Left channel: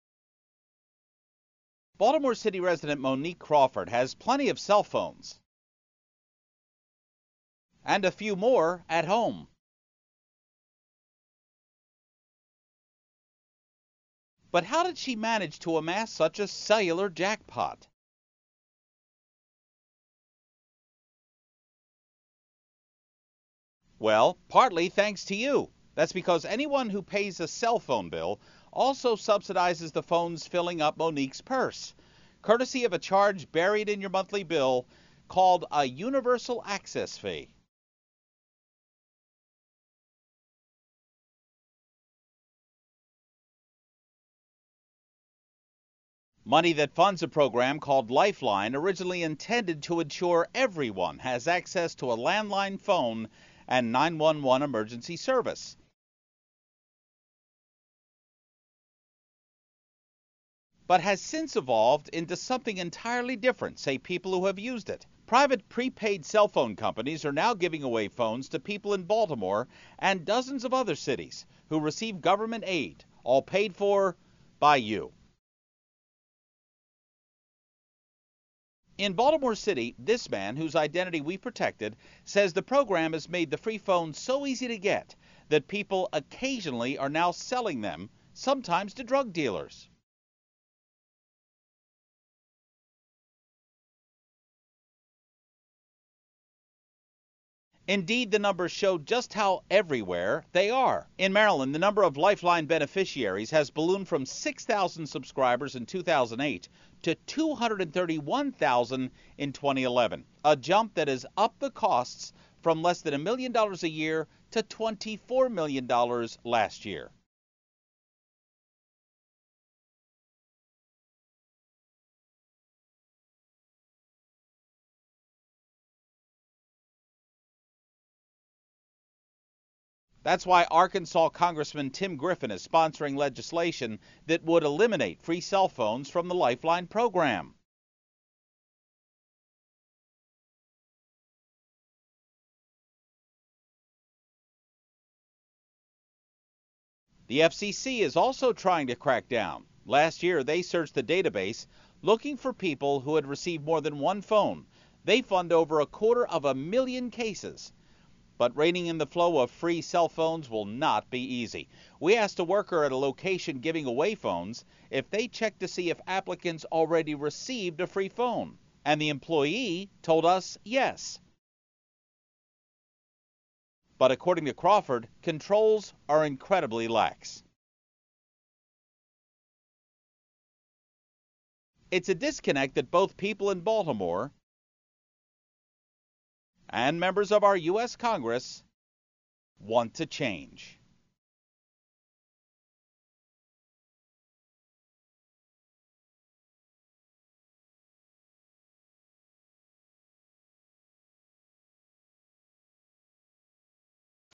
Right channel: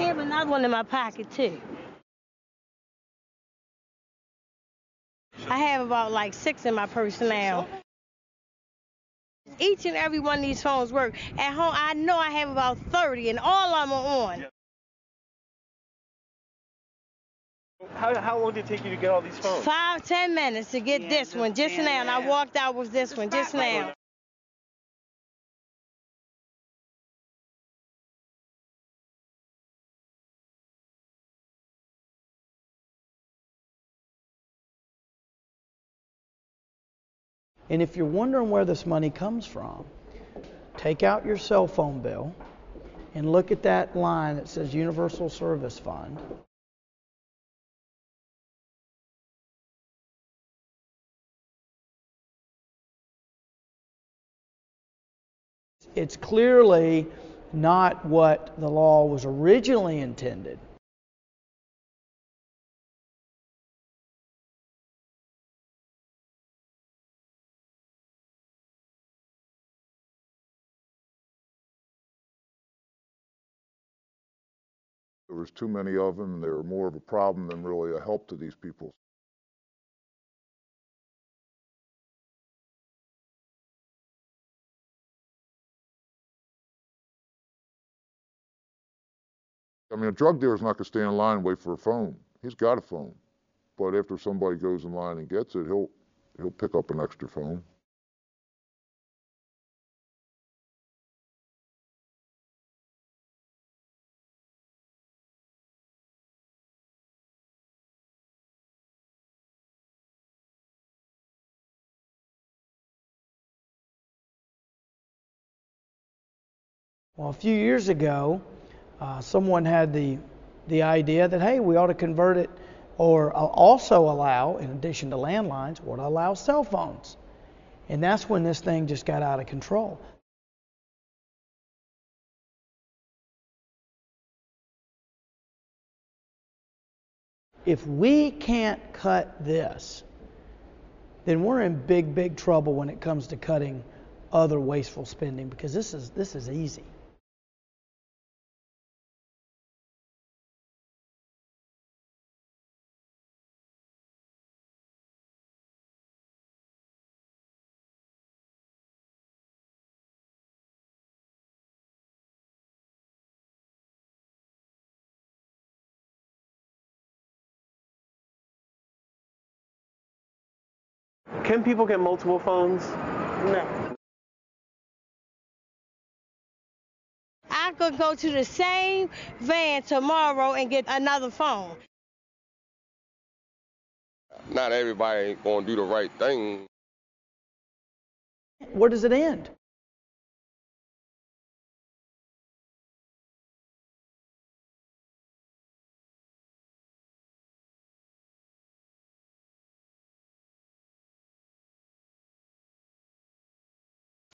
have another one in my pocket, too. Baltimore City resident Monique Crawford has plenty of cell phones. I have about like 6 in my purse now. And a few more at home. Each and every one of these phones work. At home, I know I have about 30, and all of them are on. But how did she manage to amass such a cellular jackpot? How long did it take you to get all these phones? 5-10 minutes to get this one just now, and I walked out with this one just now. Well, partly thanks to you. That's because anyone who pays a cell phone bill also subsidizes the phones filling up Monique's purse, courtesy of a charge buried in your monthly bill called a universal access fee. And if you're wondering where this money comes from, take out your cell phone bill and look at that line that says Universal Service Fund. Money that funds a program called Lifeline, originally intended to ensure everyone has access to a landline phone and 911 emergency service. It's clearly not what the law was originally intended, but has since evolved into something entirely different, say people who have used it. Private prepaid cell phone companies are now giving away phones to people in Baltimore and dozens of other cities who receive government aid, all paid for by you. There was too many of them. They were more of a problem than really a help to these people. In Baltimore City, this man, whose identity we protected, says the program has made the free phones so easy to get that people occasionally are now selling them, sometimes to drug dealers. I mean, a drug dealer's not going to stay in line and wait for a phone. He's got a phone. But after somebody goes in line and gets it, he'll pick up an extra phone. Indeed, the numbers show just how everywhere they are. In Maryland, the number of Lifeline beneficiaries has ballooned from 6,000 subscribers in 2008 to 231,000 in 2011, a jump that has upped the costs from less than $1 million a year to $24 million last year. Well, a few years ago, someone had the idea that, hey, we ought to convert it or also allow, in addition to landlines, we ought to allow cell phones. And that's when this thing just got out of control. That's why Arkansas Congressman Tim Griffin is sponsoring legislation that would eliminate free cell phones from the Lifeline program. If we can't cut this, then we're in big, big trouble when it comes to cutting other wasteful spending, because this is easy. The FCC is also trying to crack down. Last year, they searched the database looking for people who had received more than one phone. They found over 250,000 cases. But reining in the flow of free cell phones will not be easy. We asked a worker at a location giving away phones if they checked to see if applicants already received a free phone. And the employee told us yes. Can people get multiple phones? No. But according to Crawford, controls are incredibly lax. I could go to the same van tomorrow and get another phone. It's a disconnect that both people in Baltimore, not everybody ain't going to do the right thing, and members of our U.S. Congress, where does it end? Want to change.